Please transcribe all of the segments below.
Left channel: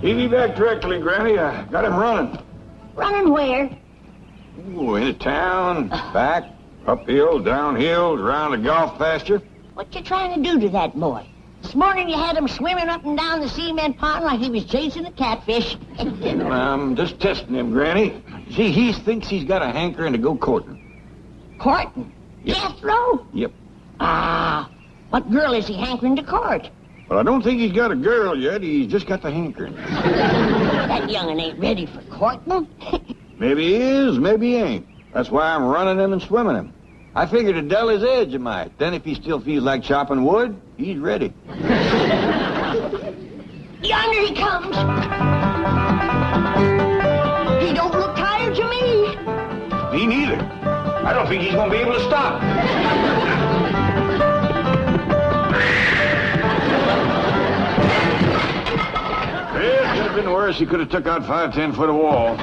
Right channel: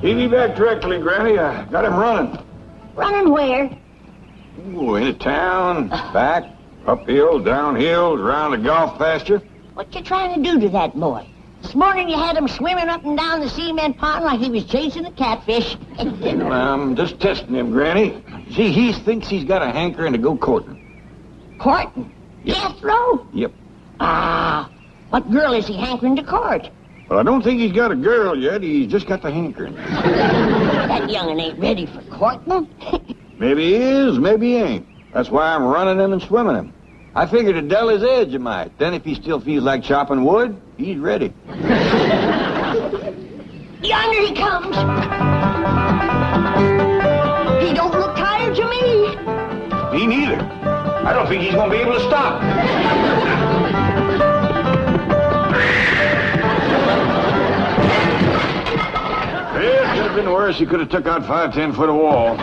He'll be back directly, Granny. I got him running. Running where? Ooh, into town, back, uphill, downhill, around the golf pasture. What you trying to do to that boy? This morning you had him swimming up and down the cement pond like he was chasing a catfish. Well, I'm just testing him, Granny. See, he thinks he's got a hankering to go courting. Courting? Yep. Jethro? Yep. Ah, what girl is he hankering to court? Well, I don't think he's got a girl yet. He's just got the hankering. That young'un ain't ready for courting. Maybe he is, maybe he ain't. That's why I'm running him and swimming him. I figured to dull his edge a mite. Then if he still feels like chopping wood, he's ready. Yonder he comes. He don't look tired to me. Me neither. I don't think he's going to be able to stop. It could have been worse. He could have took out 5-10 foot of wall.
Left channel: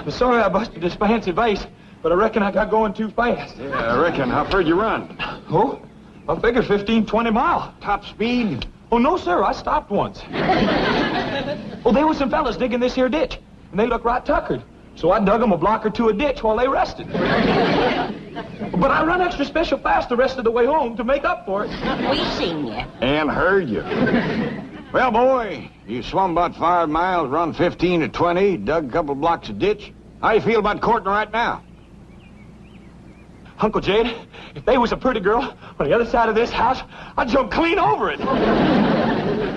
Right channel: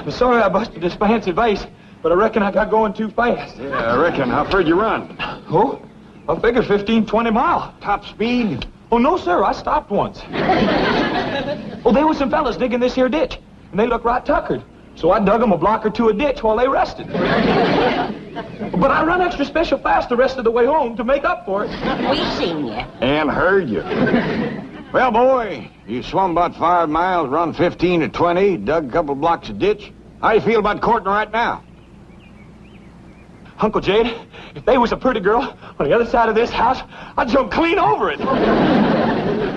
I'm sorry I busted this fancy vase, but I reckon I got going too fast. Yeah, I reckon. How far did you run? Oh, I figured 15, 20 miles. Top speed? Oh, no, sir. I stopped once. Oh, there were some fellas digging this here ditch, and they looked right tuckered. So I dug them a block or two a ditch while they rested. But I run extra special fast the rest of the way home to make up for it. We seen you. And heard you. Well, boy, you swum about 5 miles, run 15 to 20, dug a couple blocks of ditch. How you feel about courting right now? Uncle Jade, if they was a pretty girl on the other side of this house, I'd jump clean over it.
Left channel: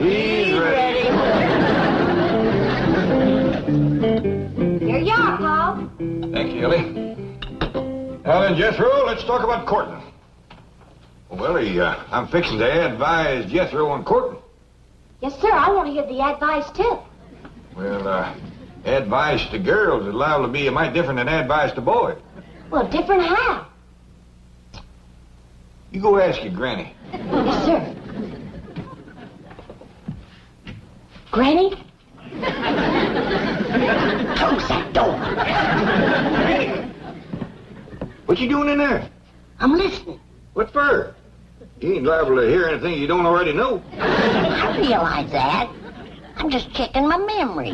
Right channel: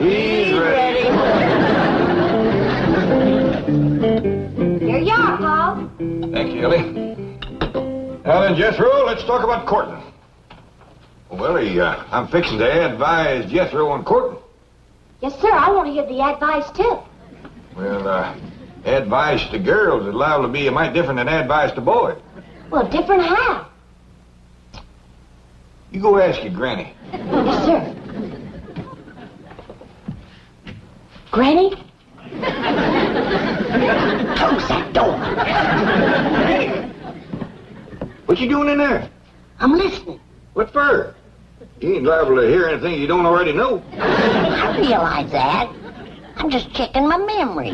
He's ready. Here you are, Paul. Thank you, Elly. Now then, Jethro, let's talk about courting. Well, Elly, I'm fixing to advise Jethro on courting. Yes, sir. I want to hear the advice, too. Well, advice to girls is liable to be a mite different than advice to boys. Well, different how? You go ask your granny. Yes, sir. Granny? Close that door. Hey! What you doing in there? I'm listening. What for? You ain't liable to hear anything you don't already know. I realize that. I'm just checking my memory.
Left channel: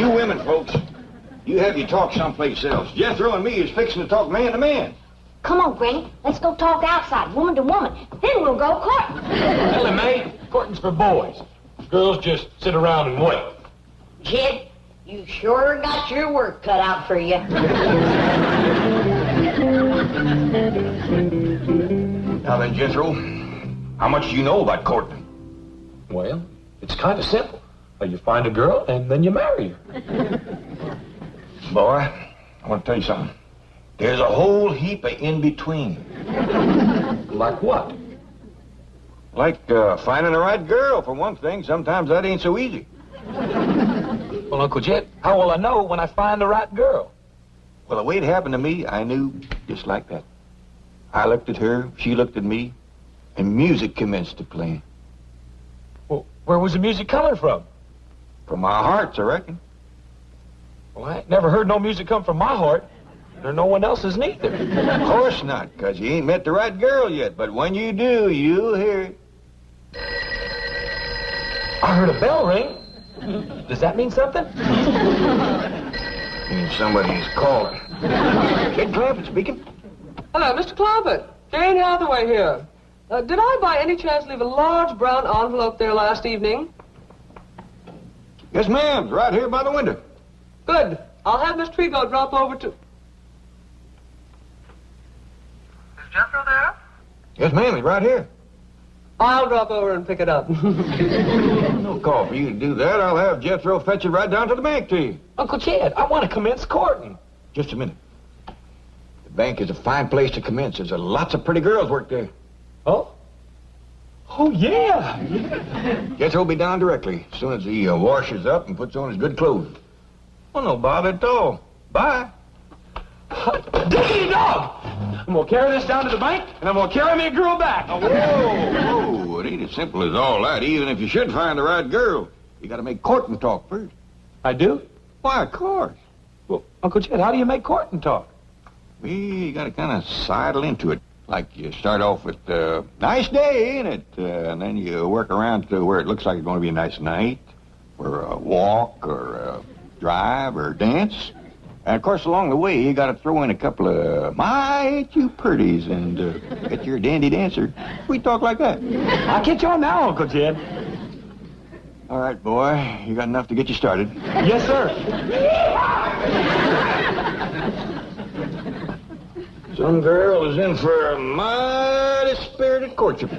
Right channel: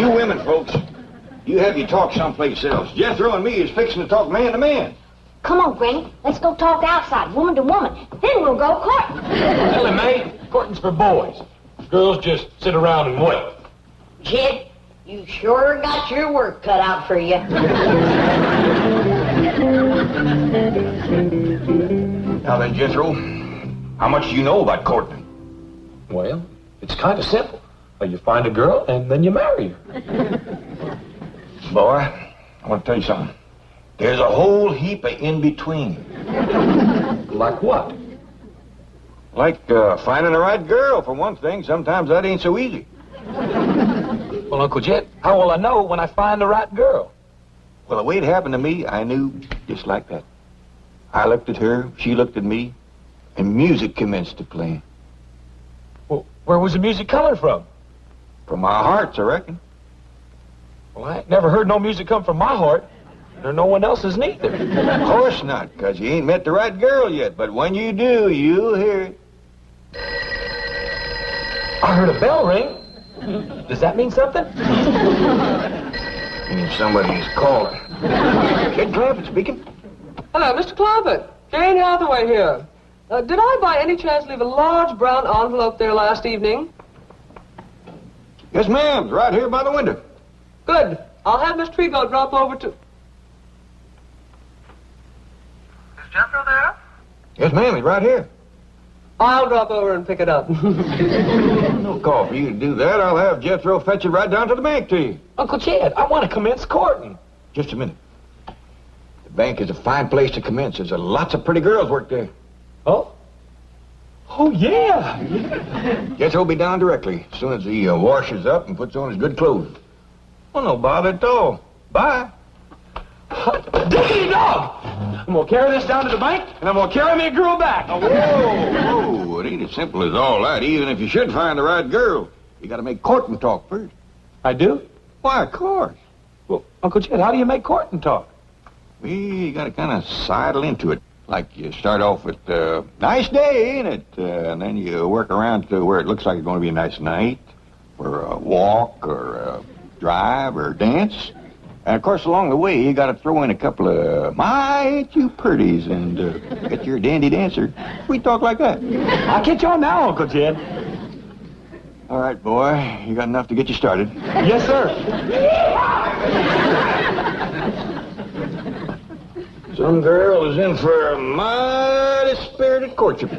You women, folks, you have your talk someplace else. Jethro and me is fixing to talk man to man. Come on, Granny. Let's go talk outside, woman to woman. Then we'll go courting. Elly, May, courting's for boys. Girls just sit around and wait. Jed, you sure got your work cut out for you. Now then, Jethro, how much do you know about courting? Well, it's kind of simple. You find a girl, and then you marry her. Boy, I want to tell you something. There's a whole heap of in-between. Like what? Like finding the right girl, for one thing. Sometimes that ain't so easy. Well, Uncle Jet, how will I know when I find the right girl? Well, the way it happened to me, I knew just like that. I looked at her, she looked at me, and music commenced to play. Well, where was the music coming from? From our hearts, I reckon. Well, I ain't never heard no music come from my heart, or no one else's neither. Of course not, because you ain't met the right girl yet. But when you do, you'll hear it. I heard a bell ring. Does that mean something? Means somebody's calling. Kid Clampett speaking. Hello, Mr. Clampett. Jane Hathaway here. Did I by any chance leave a large brown envelope there last evening? Yes, ma'am. It's right here by the window. Good. I'll have Miss Trigo drop over to... Is Jethro there? Yes, ma'am. He's right here. I'll drop over and pick it up. No call for you to do that. I'll have Jethro fetch it right down to the bank to you. Uncle Chad, I want to commence courting. Just a minute. The bank is a fine place to commence. There's lots of pretty girls work there. Oh? Oh, yeah. Jethro will be down directly as soon as he washes up and puts on his good clothes. Well, no bother at all. Bye. Diggity dog! I'm going to carry this down to the bank, and I'm going to carry me a girl back. Oh, whoa. It ain't as simple as all that. Even if you should find the right girl, you got to make courting talk first. I do? Why, of course. Well, Uncle Chet, how do you make courting talk? Well, you got to kind of sidle into it. Like you start off with, nice day, ain't it? And then you work around to where it looks like it's going to be a nice night, or a walk, or a drive, or a dance. And, of course, along the way, you got to throw in a couple of, my, ain't you pretties, and get your dandy dancer. We talk like that. I'll get you on now, Uncle Jed. All right, boy. You got enough to get you started. Yes, sir. Some girl is in for a mighty spirited courtship.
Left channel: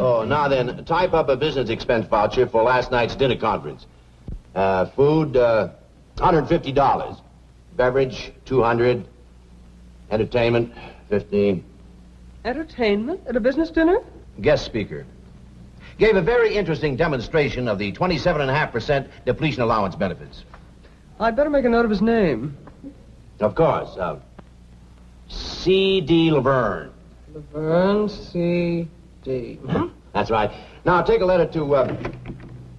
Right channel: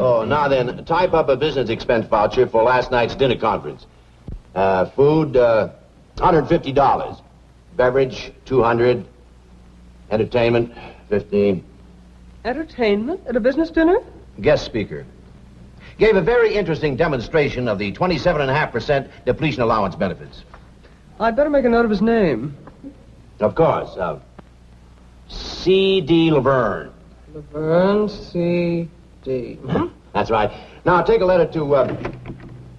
Oh, now then, type up a business expense voucher for last night's dinner conference. Food, $150. Beverage, $200. Entertainment, $15. Entertainment at a business dinner? Guest speaker. Gave a very interesting demonstration of the 27.5% depletion allowance benefits. I'd better make a note of his name. Of course. C.D. Laverne. Laverne C.D. That's right. Now, take a letter to,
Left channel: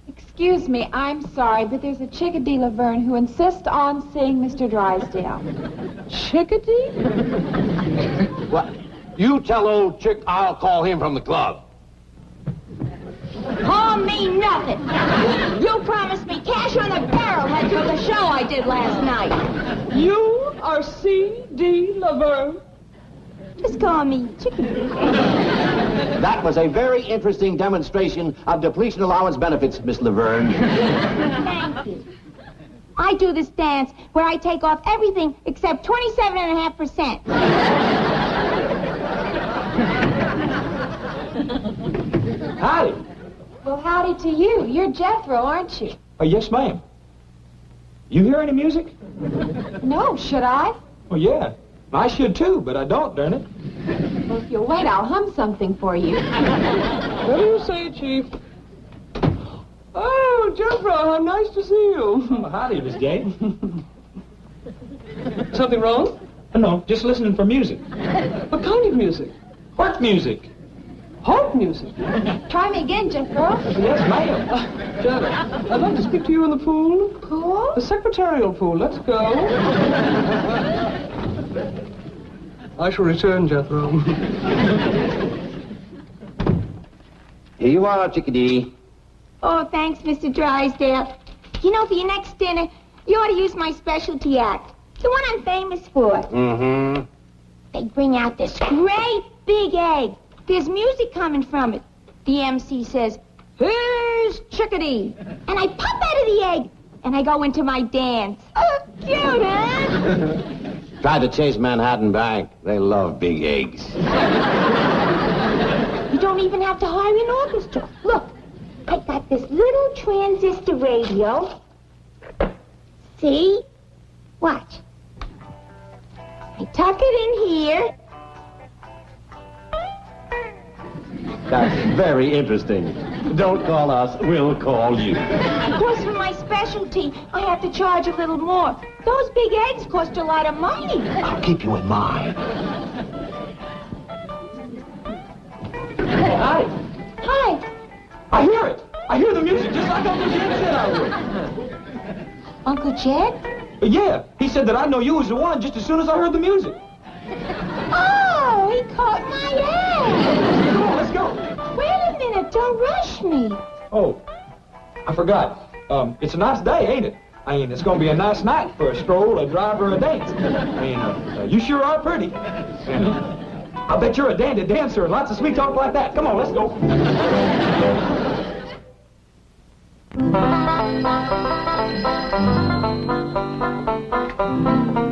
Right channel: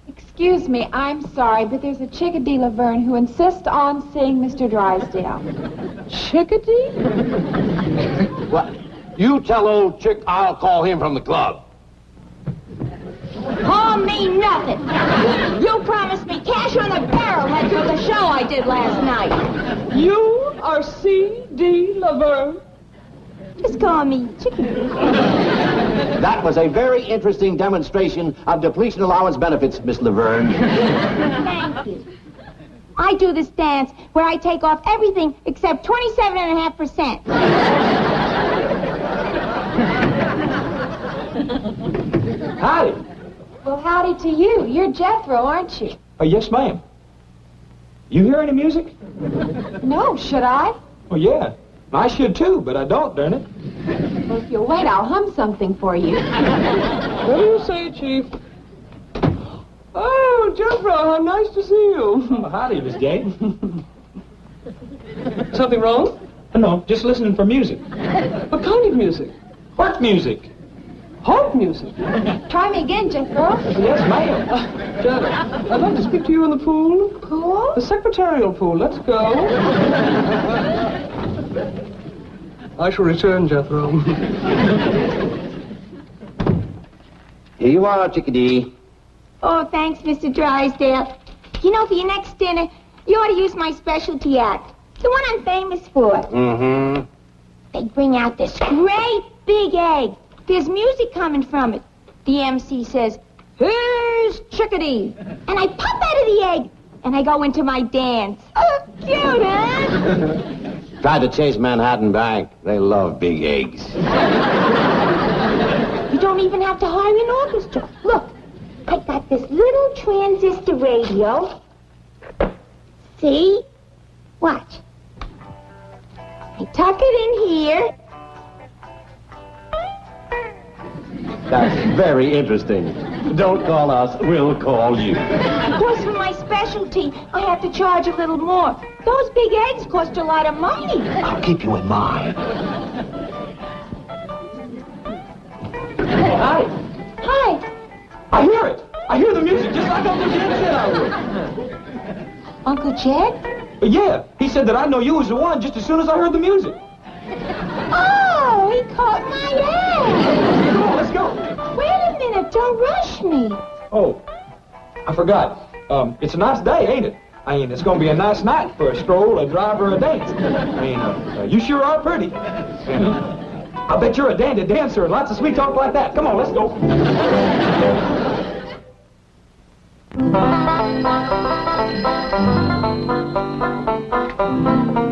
Excuse me, I'm sorry, but there's a Chickadee Laverne who insists on seeing Mr. Drysdale. Chickadee? What? You tell old Chick I'll call him from the club. Call me nothing. You promised me cash on a barrelhead for the show I did last night. You are C.D. Laverne? Just call me Chickadee. That was a very interesting demonstration of depletion allowance benefits, Miss Laverne. Thank you. I do this dance where I take off everything except 27.5%. Howdy. Well, howdy to you. You're Jethro, aren't you? Yes, ma'am. You hear any music? No, should I? Well, yeah. I should, too, but I don't, darn it. Well, if you'll wait, I'll hum something for you. What do you say, Chief? Oh, Jethro, how nice to see you. Oh, howdy, Miss Jane. Something wrong? No, just listening for music. What kind of music? What music? Harp music. Try me again, Jethro. Yes, ma'am. Janet, I'd like to speak to you in the pool. Pool? The secretarial pool. Let's go. I shall return, Jethro. Here you are, Chickadee. Oh, thanks, Mr. Drysdale. You know, for your next dinner, you ought to use my specialty act. The one I'm famous for. Mm-hmm. They bring out this great big egg. There's music coming from it. The MC says, "Here's Chickadee." And I pop out of the egg, and I go into my dance. Oh, cute, huh? Tried to chase Manhattan Bank. They love big eggs. You don't even have to hire an orchestra. Look, I got this little transistor radio. See? Watch. I tuck it in here. That's very interesting. Don't call us, we'll call you. Of course, for my specialty, I have to charge a little more. Those big eggs cost a lot of money. I'll keep you in mind. Hi. Hi. I hear it. I hear the music just like Uncle Jed said I would. Uncle Jed? Yeah, he said that I'd know you was the one just as soon as I heard the music. Oh, he caught my egg. Come on, let's go. Wait a minute, don't rush me. Oh, I forgot. It's a nice day, ain't it? I mean, it's gonna be a nice night for a stroll, a drive, or a dance. I mean, you sure are pretty. And I bet you're a dandy dancer and lots of sweet talk like that. Come on, let's go.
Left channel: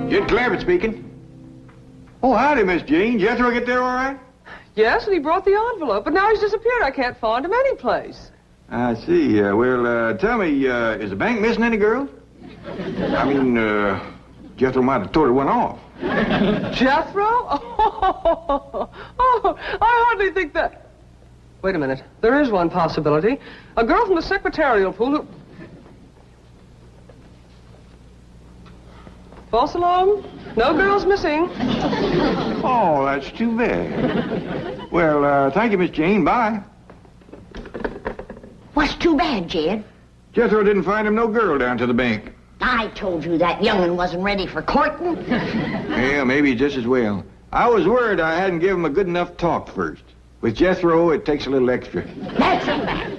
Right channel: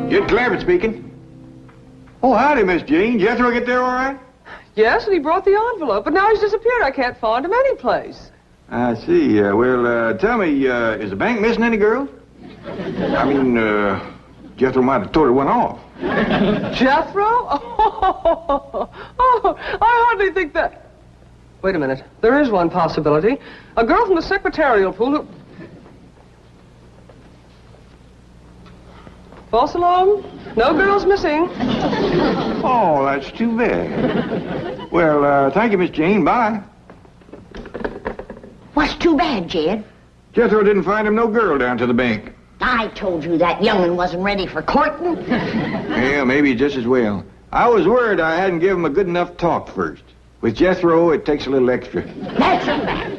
Jed Clampett speaking. Oh, howdy, Miss Jane. Jethro get there all right? Yes, and he brought the envelope, but now he's disappeared. I can't find him anyplace. I see. Well, tell me, is the bank missing any girls? I mean, Jethro might have told her one off. Jethro? Oh, I hardly think that... Wait a minute. There is one possibility. A girl from the secretarial pool who... False alarm? No girls missing. Oh, that's too bad. Well, thank you, Miss Jane. Bye. What's too bad, Jed? Jethro didn't find him no girl down to the bank. I told you that young'un wasn't ready for courting. Yeah, maybe just as well. I was worried I hadn't given him a good enough talk first. With Jethro, it takes a little extra. That's a fact.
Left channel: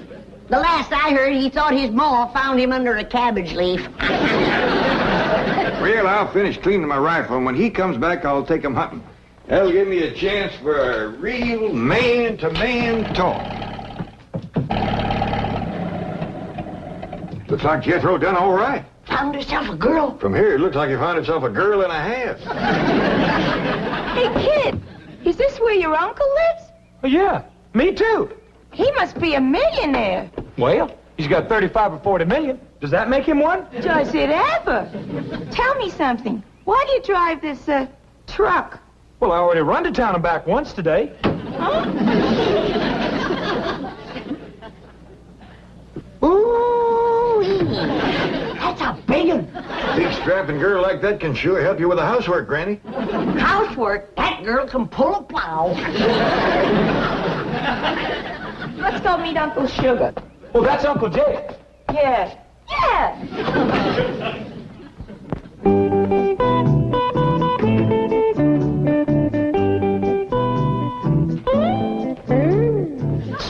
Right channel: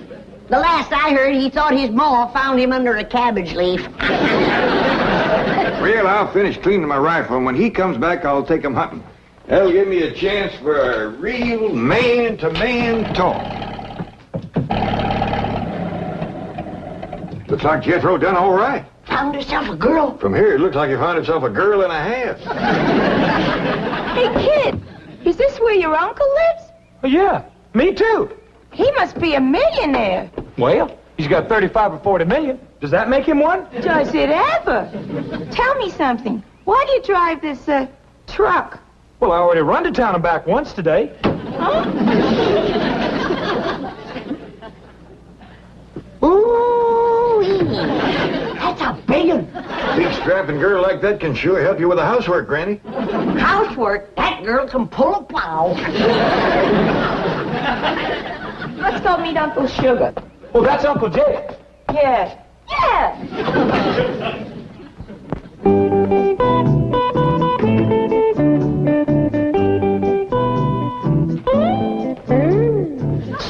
The last I heard, he thought his ma found him under a cabbage leaf. Well, I'll finish cleaning my rifle, and when he comes back, I'll take him hunting. That'll give me a chance for a real man-to-man talk. Looks like Jethro done all right. Found herself a girl. From here, it looks like he found himself a girl and a half. Hey, kid, is this where your uncle lives? Oh, yeah, me too. He must be a millionaire. Well, he's got 35 or 40 million. Does that make him one? Does it ever? Tell me something. Why do you drive this, truck? Well, I already run to town and back once today. Huh? Ooh, that's a big one. Big strapping girl like that can sure help you with the housework, Granny. Housework, that girl can pull a plow. Let's go meet Uncle Sugar. Well, that's Uncle Jay. Yeah. Yeah!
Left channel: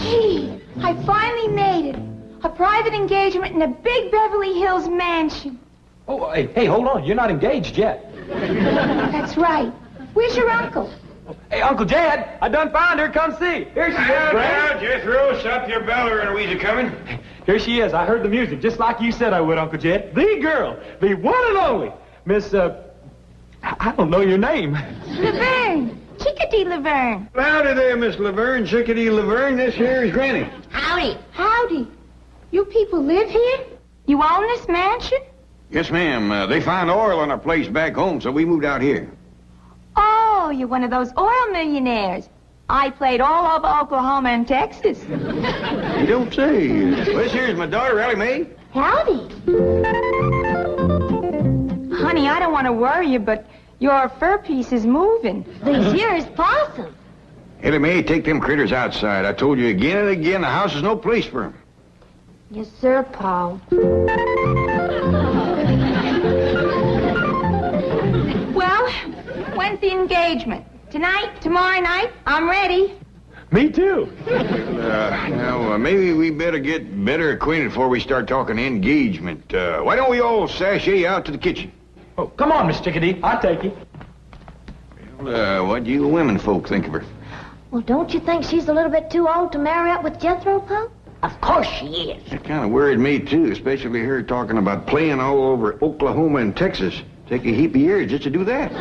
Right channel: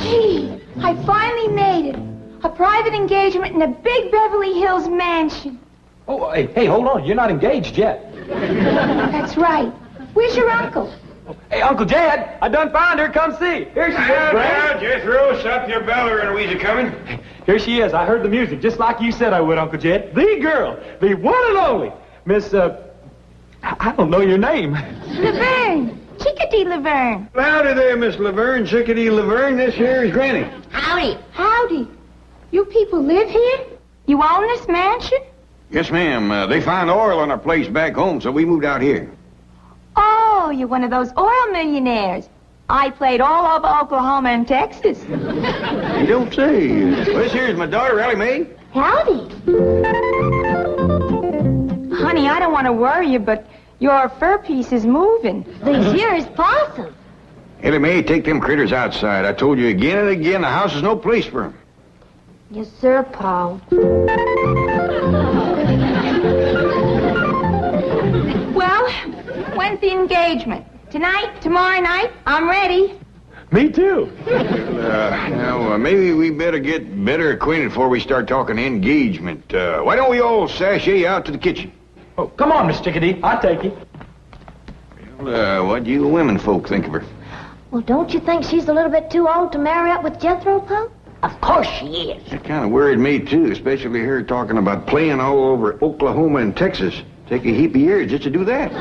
Gee, I finally made it. A private engagement in a big Beverly Hills mansion. Oh, hey, hold on. You're not engaged yet. That's right. Where's your uncle? Hey, Uncle Jed, I done found her. Come see. Here she is, Granny. Jethro, stop your bell or Eloise coming. Here she is. I heard the music, just like you said I would, Uncle Jed. The girl, the one and only, Miss, I don't know your name. Laverne. Chickadee Laverne. Howdy there, Miss Laverne, Chickadee Laverne. This here is Granny. Howdy. Howdy. You people live here? You own this mansion? Yes, ma'am. They found oil on our place back home, so we moved out here. Oh, you're one of those oil millionaires. I played all over Oklahoma and Texas. You don't say. Well, this here's my daughter, Elly Mae. Howdy. Honey, I don't want to worry you, but your fur piece is moving. This here is possum. Elly Mae, take them critters outside. I told you again and again, the house is no place for them. Yes, sir, Paul. Well, when's the engagement? Tonight? Tomorrow night? I'm ready. Me too. Now, maybe we better get better acquainted before we start talking engagement. Why don't we all sashay out to the kitchen? Oh, come on, Miss Chickadee. I'll take you. Well, what do you women folk think of her? Well, don't you think she's a little bit too old to marry up with Jethro, Pop? Of course she is. That kind of worried me, too, especially her talking about playing all over Oklahoma and Texas. Take a heap of years just to do that.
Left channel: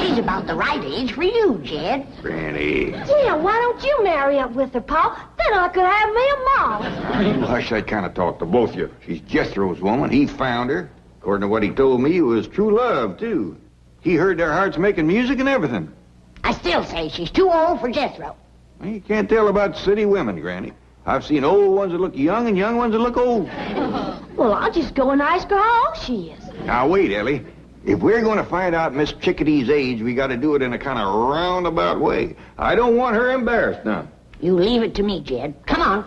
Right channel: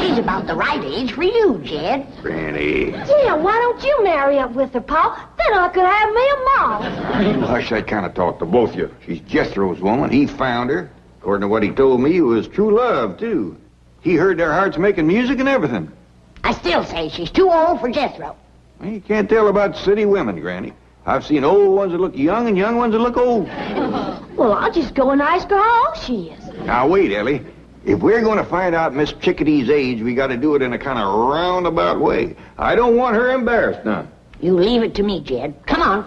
She's about the right age for you, Jed. Granny. Yeah, why don't you marry up with her, Paul? Then I could have me a mom. You hush that kind of talk to both of you. She's Jethro's woman. He found her. According to what he told me, it was true love, too. He heard their hearts making music and everything. I still say she's too old for Jethro. Well, you can't tell about city women, Granny. I've seen old ones that look young and young ones that look old. Well, I'll just go and ask her how old she is. Now, wait, Elly. If we're going to find out Miss Chickadee's age, we got to do it in a kind of roundabout way. I don't want her embarrassed none. You leave it to me, Jed. Come on.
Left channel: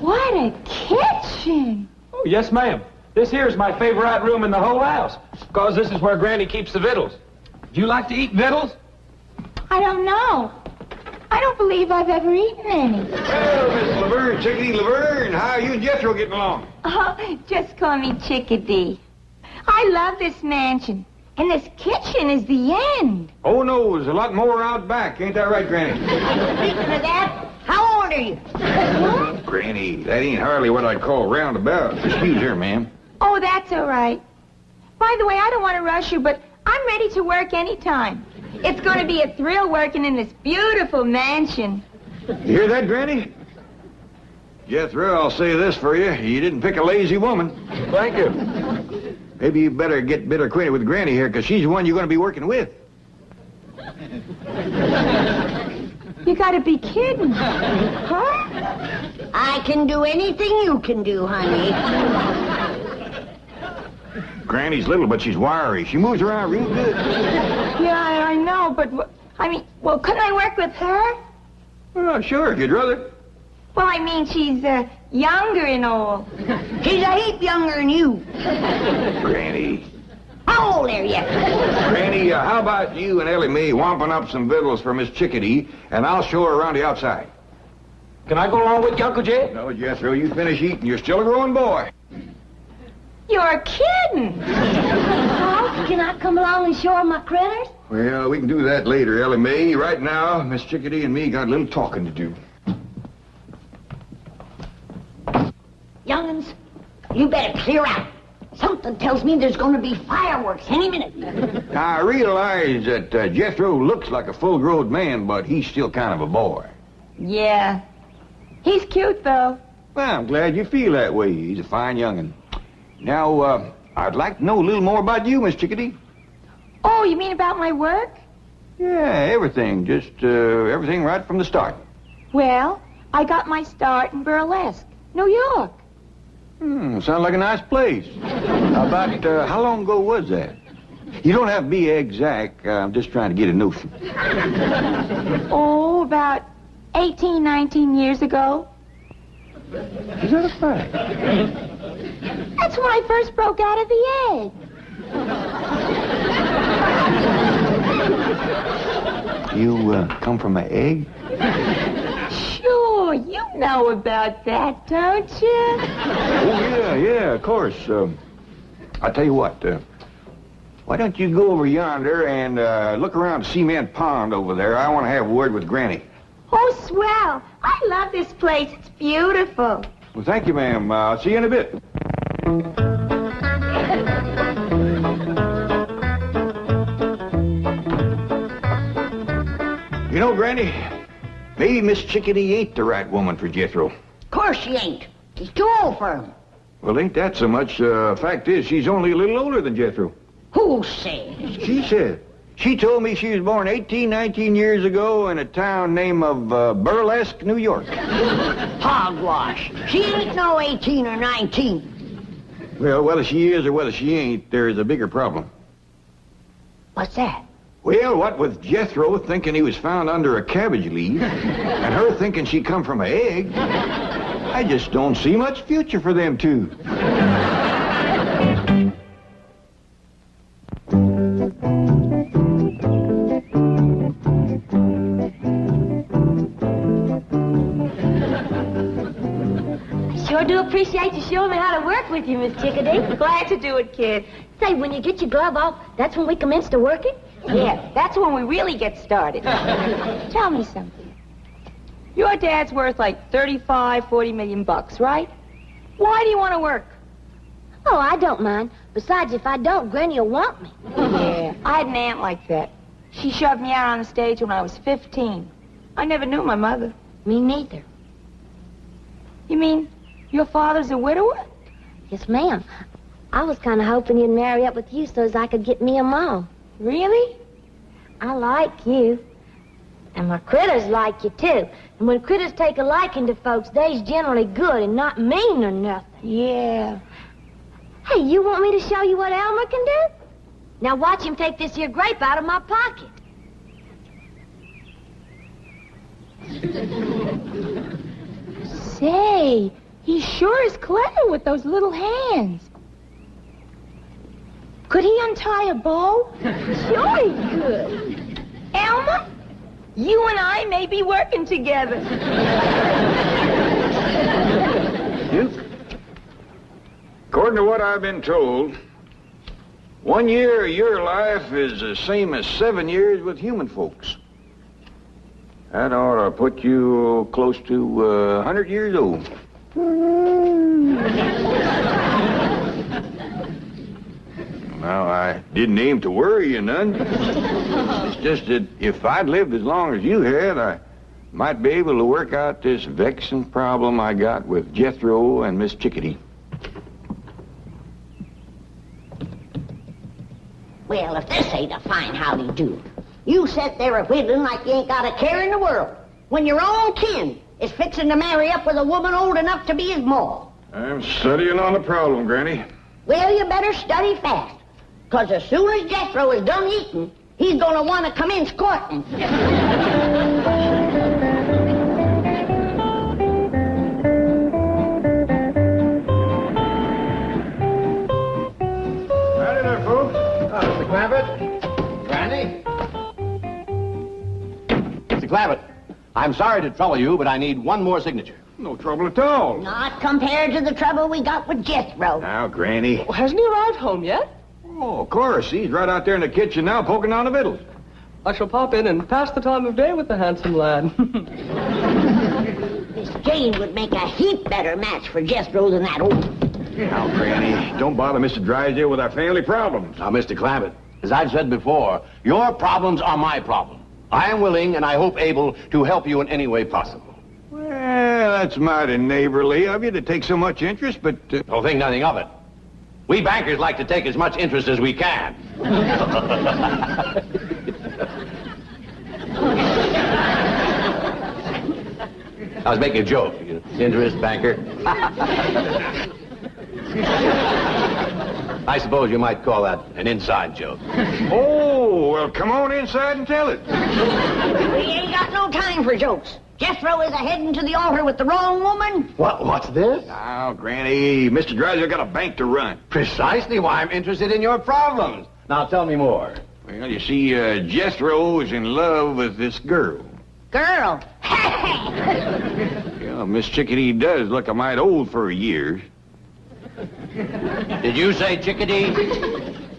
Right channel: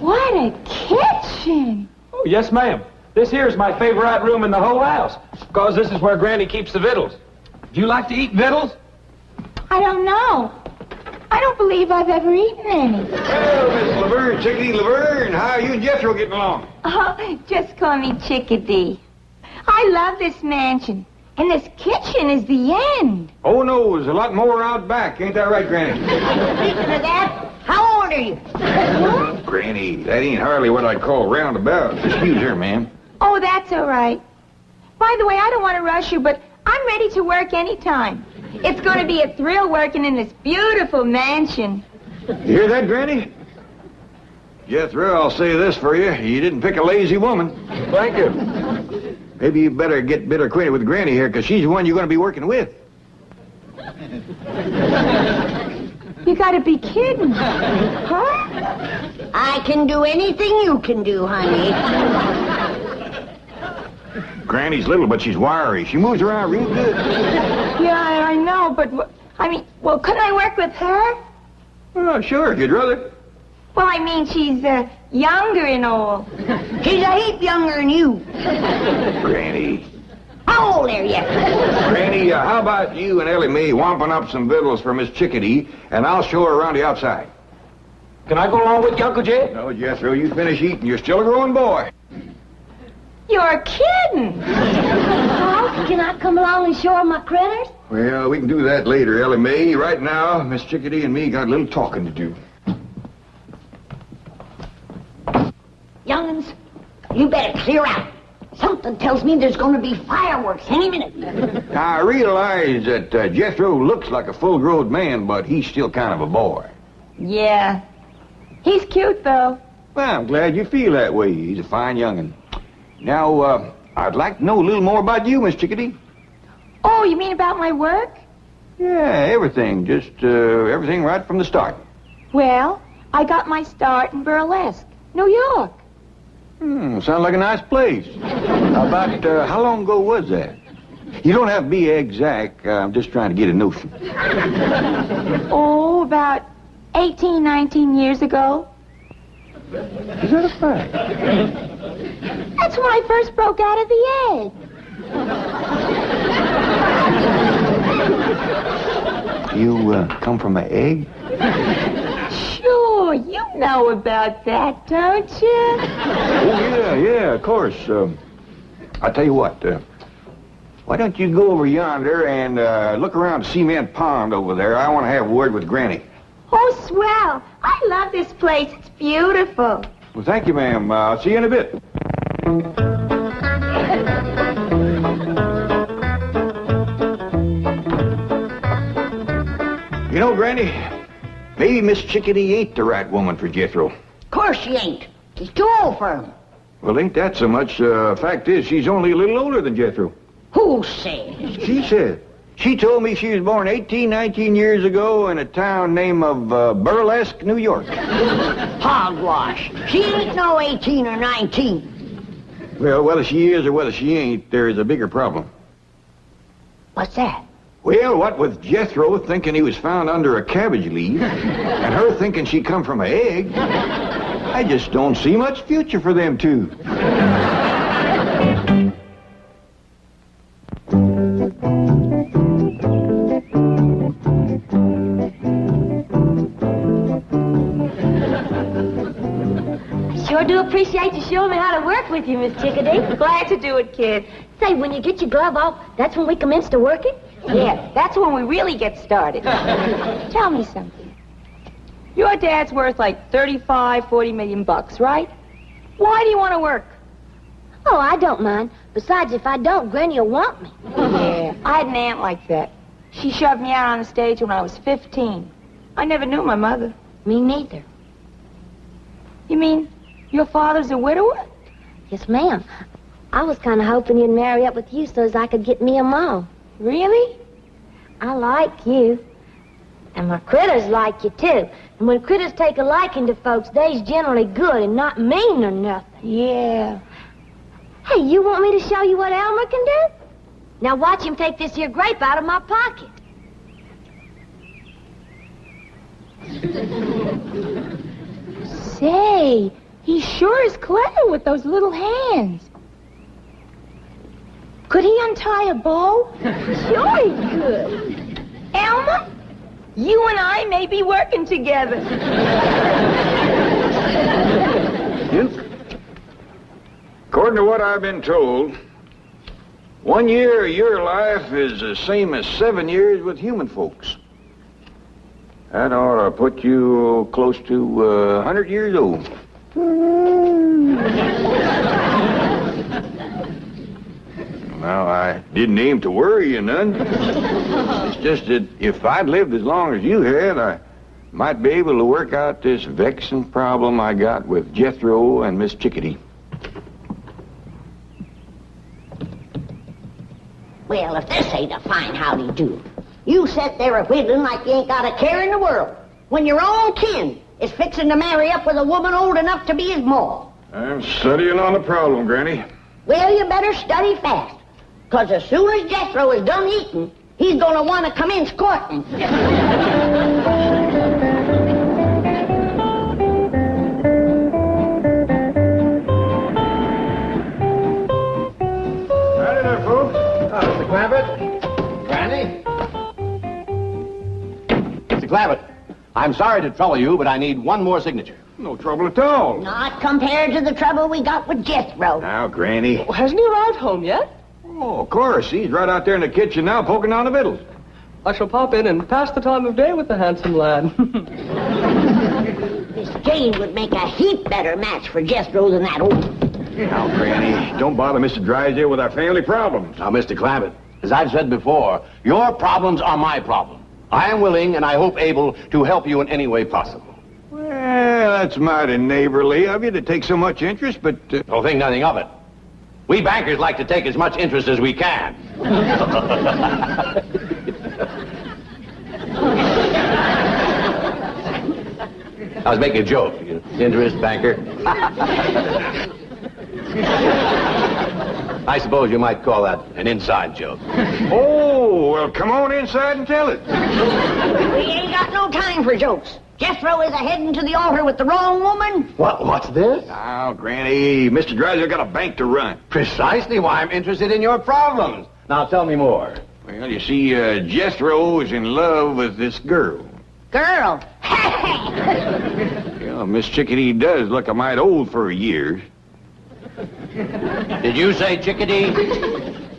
What a kitchen. Oh, yes, ma'am. This here's my favorite room in the whole house, because this is where Granny keeps the victuals. Do you like to eat victuals? I don't know. I don't believe I've ever eaten any. Well, Miss Laverne, Chickadee Laverne, how are you and Jethro getting along? Oh, just call me Chickadee. I love this mansion. And this kitchen is the end. Oh, no, there's a lot more out back. Ain't that right, Granny? Speaking of that, how old are you? Granny, that ain't hardly what I'd call roundabout. Excuse her, ma'am. Oh, that's all right. By the way, I don't want to rush you, but I'm ready to work anytime. It's going to be a thrill working in this beautiful mansion. You hear that, Granny? Jethro, I'll say this for you. You didn't pick a lazy woman. Thank you. Maybe you better get better acquainted with Granny here, because she's the one you're going to be working with. You got to be kidding. Huh? I can do anything you can do, honey. Granny's little, but she's wiry. She moves around real good. Yeah, I know, but, well, couldn't I work with her? Oh, sure, if you'd rather. Well, I mean, she's, younger and all. She's a heap younger than you. Granny. How old are you? Granny, how about you and Elly Mae wamping up some victuals for Miss Chickadee, and I'll show her around the outside. Can I go along with you, Uncle Jed? No, Jethro, you finish eating. You're still a growing boy. You're kidding. Well, can I come along and show her my critters? Well, we can do that later, Elly Mae. Right now, Miss Chickadee and me got a little talking to do. Young'uns, you better clear out. Something tells me there's going to be fireworks any minute. Now, I realize that Jethro looks like a full-grown man, but he's still kind of a boy. Yeah. He's cute, though. Well, I'm glad you feel that way. He's a fine young'un. Now, I'd like to know a little more about you, Miss Chickadee. Oh, you mean about my work? Yeah, everything. Just everything right from the start. Well, I got my start in burlesque, New York. Sounds like a nice place. About how long ago was that? You don't have to be exact. I'm just trying to get a notion. Oh, about 18, 19 years ago. Is that a fact? That's when I first broke out of the egg. You come from an egg? Sure, you know about that, don't you? Oh, yeah, of course. I'll tell you what, why don't you go over yonder and look around the cement pond over there? I want to have a word with Granny. Oh, swell. I love this place. It's beautiful. Well, thank you, ma'am. I'll see you in a bit. You know, Granny, maybe Miss Chickadee ain't the right woman for Jethro. Of course she ain't. He's too old for him. Well, ain't that so much. Fact is, she's only a little older than Jethro. Who says? She said. She told me she was born 18, 19 years ago in a town named of Burlesque, New York. Hogwash. She ain't no 18 or 19. Well, whether she is or whether she ain't, there is a bigger problem. What's that? Well, what with Jethro thinking he was found under a cabbage leaf, and her thinking she come from an egg, I just don't see much future for them two. Sure do appreciate you showing me how to work with you, Miss Chickadee. Glad to do it, kid. Say, when you get your glove off, that's when we commence to working? Yeah, that's when we really get started. Tell me something. Your dad's worth like 35, 40 million bucks, right? Why do you want to work? Oh, I don't mind. Besides, if I don't, Granny will want me. Yeah, I had an aunt like that. She shoved me out on the stage when I was 15. I never knew my mother. Me neither. You mean your father's a widower? Yes, ma'am. I was kind of hoping he'd marry up with you so as I could get me a mom. Really? I like you. And my critters like you, too. And when critters take a liking to folks, they's generally good and not mean or nothing. Yeah. Hey, you want me to show you what Elmer can do? Now watch him take this here grape out of my pocket. Say, he sure is clever with those little hands. Could he untie a bow? Sure he could. Elmer, you and I may be working together. According to what I've been told, 1 year of your life is the same as 7 years with human folks. That ought to put you close to 100 years old. Now, I didn't aim to worry you none. It's just that if I'd lived as long as you had, I might be able to work out this vexing problem I got with Jethro and Miss Chickadee. Well, if this ain't a fine howdy-do. You sit there a-whittling like you ain't got a care in the world, when your own kin is fixing to marry up with a woman old enough to be his ma. I'm studying on the problem, Granny. Well, you better study fast, 'cause as soon as Jethro is done eating, he's gonna want to come in squirting. Mr. Clampett, I'm sorry to trouble you, but I need one more signature. No trouble at all. Not compared to the trouble we got with Jethro. Now, Granny. Oh, hasn't he arrived home yet? Oh, of course. He's right out there in the kitchen now poking down the victuals. I shall pop in and pass the time of day with the handsome lad. Miss Jane would make a heap better match for Jethro than that old... Now, Granny, don't bother Mr. Drysdale with our family problems. Now, Mr. Clampett, as I've said before, your problems are my problem. I am willing and I hope able to help you in any way possible. Well, that's mighty neighborly of you to take so much interest, but... Don't think nothing of it. We bankers like to take as much interest as we can. I was making a joke. Interest, banker. I suppose you might call that an inside joke. Oh, well, come on inside and tell it. We ain't got no time for jokes. Jethro is a-heading to the altar with the wrong woman. What's this? Now, Granny, Mr. Drysdale got a bank to run. Precisely why I'm interested in your problems. Now, tell me more. Well, you see, Jethro is in love with this girl. Girl. Yeah, Miss Chickadee does look a mite old for her years. Did you say Chickadee?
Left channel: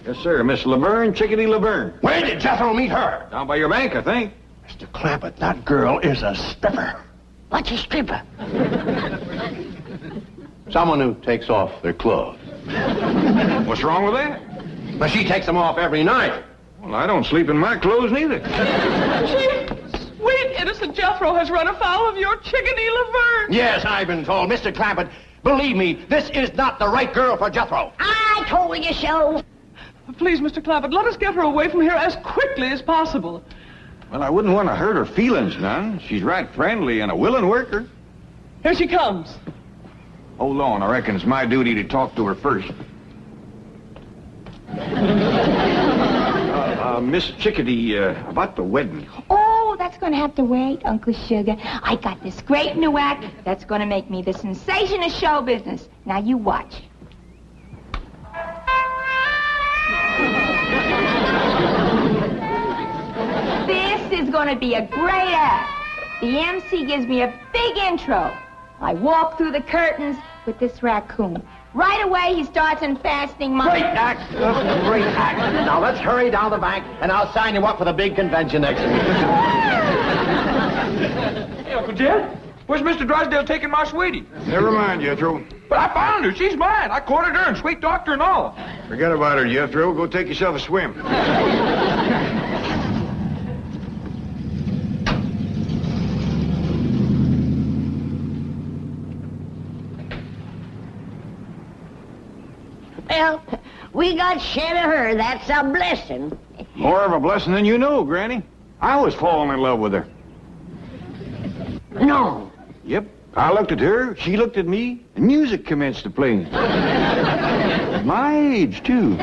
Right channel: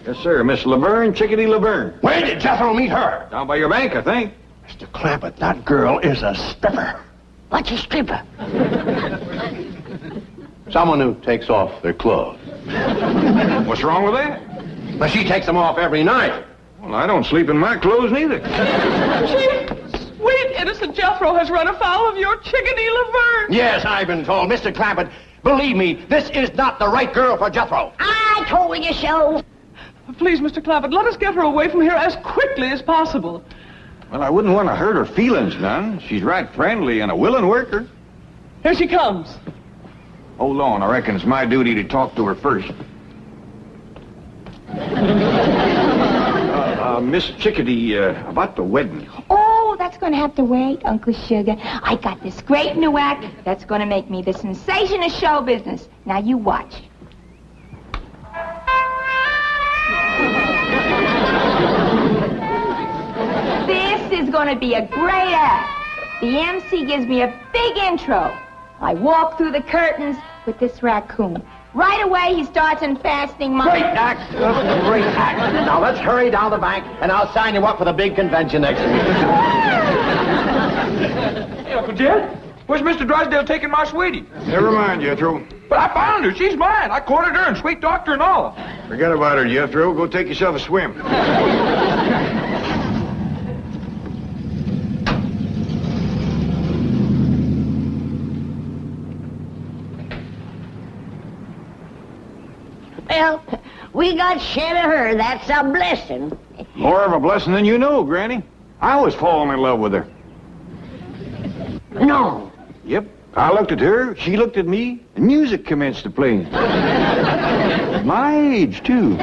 Yes, sir, Miss Laverne, Chickadee Laverne. Where did Jethro meet her? Down by your bank, I think. Mr. Clampett, that girl is a stripper. What's a stripper? Someone who takes off their clothes. What's wrong with that? But she takes them off every night. Well, I don't sleep in my clothes neither. Sweet, innocent Jethro has run afoul of your Chickadee Laverne. Yes, I've been told. Mr. Clampett, believe me, this is not the right girl for Jethro. I told you so. Please, Mr. Clampett, let us get her away from here as quickly as possible. Well, I wouldn't want to hurt her feelings none. She's right friendly and a willing worker. Here she comes. Hold on, I reckon it's my duty to talk to her first. Miss Chickadee, about the wedding. Oh, that's going to have to wait, Uncle Sugar. I got this great new act that's going to make me the sensation of show business. Now, you watch. This is going to be a great act. The MC gives me a big intro. I walk through the curtains with this raccoon. Right away, he starts unfastening my... Great act. Great act. Now, let's hurry down the bank, and I'll sign you up for the big convention next week. Hey, Uncle Jed, where's Mr. Drysdale taking my sweetie? Never mind, Jethro. But I found her. She's mine. I courted her and sweet talked her and all. Forget about her, Jethro. Go take yourself a swim. Well, we got shed of her. That's a blessing. More of a blessing than you know, Granny. I was falling in love with her. No. Yep. I looked at her, she looked at me, and music commenced to play. My age, too.